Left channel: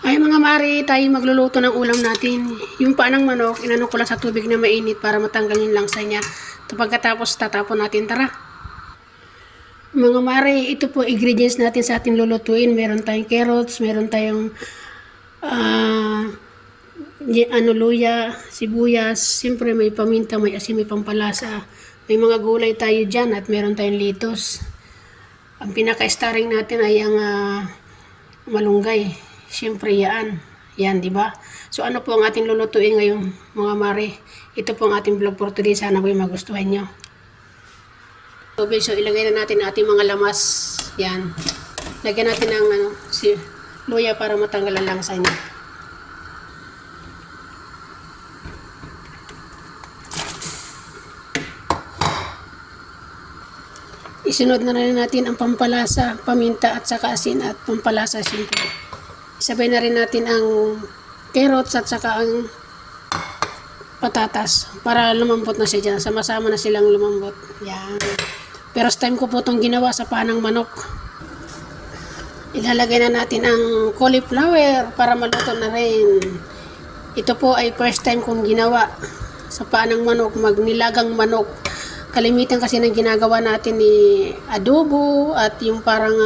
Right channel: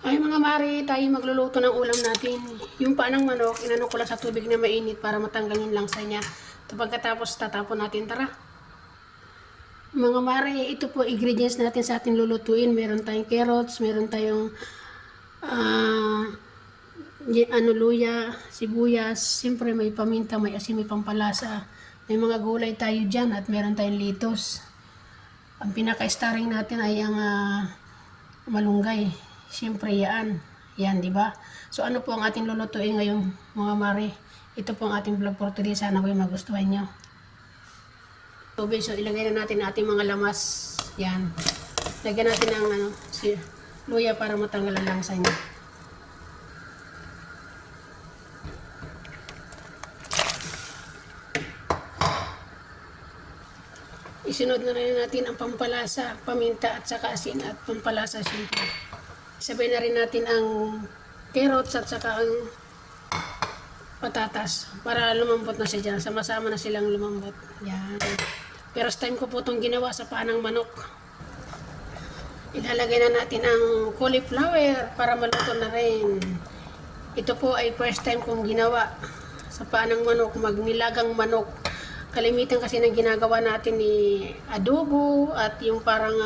Ay mga mari, tayo magluluto ng ulam natin. Yung paanang manok, inano ko lang sa tubig na mainit para matanggal yung langsa niya. Ito pagkatapos tatapon natin, tara. Mga mari, ito po ingredients natin sa ating lulutuin. Meron tayong carrots, meron tayong luya, sibuyas. Siyempre may paminta, may asin, may pampalasa. May mga gulay tayo dyan at meron tayong litos. Ang pinaka-starring natin ay ang malunggay. Siyempre yan. Yan, di ba? So ano po ang ating lulutuin ngayon, mga mare? Ito po ang ating vlog for today. Sana po magustuhan nyo. So ilagay na natin ating mga lamas. Yan. Lagyan natin ng luya para matanggal ang langsa niya. Isunod na rin natin ang pampalasa, paminta at saka asin at pampalasa siyempre. Isabay na rin natin ang carrots at saka ang patatas para lumambot na siya dyan. Sama-sama na silang lumambot. Yan. First time ko po itong ginawa sa panang manok. Ilalagay na natin ang cauliflower para maluto na rin. Ito po ay first time kong ginawa sa panang manok, magnilagang manok. Kalimitan kasi ng ginagawa natin ni adobo at yung parang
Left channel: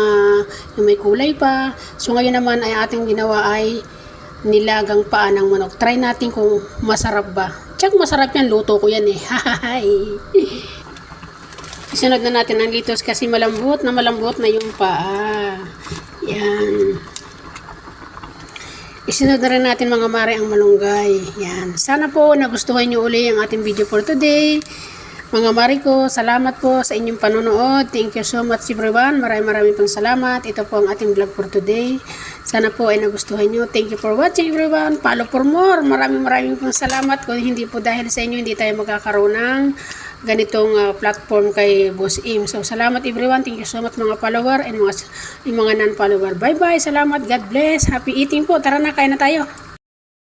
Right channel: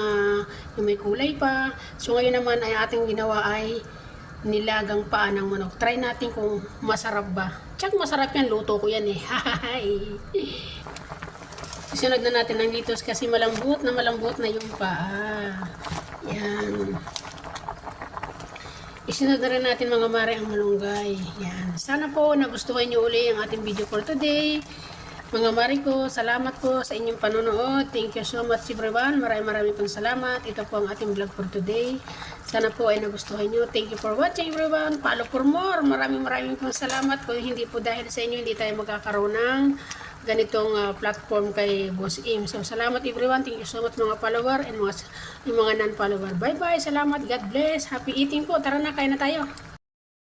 yung may kulay pa. So ngayon naman ay ating ginawa ay nilagang paa ng manok. Try natin kung masarap ba. Tsak masarap yan, luto ko yan eh. Isunod na natin ang litos kasi malambot na yung paa. Yan. Isunod na rin natin mga mare ang malunggay. Yan. Sana po nagustuhan nyo uli ang ating video for today. Mga mari ko, salamat po sa inyong panonood. Thank you so much everyone. Maraming pong salamat. Ito po ang ating vlog for today. Sana po ay nagustuhan nyo. Thank you for watching everyone. Follow for more. Maraming pong salamat. Kung hindi po dahil sa inyo, hindi tayo magkakaroon ng ganitong platform kay Boss Im. So salamat everyone. Thank you so much mga follower and mga non-follower. Bye bye. Salamat. God bless. Happy eating po. Tara na, kain na tayo.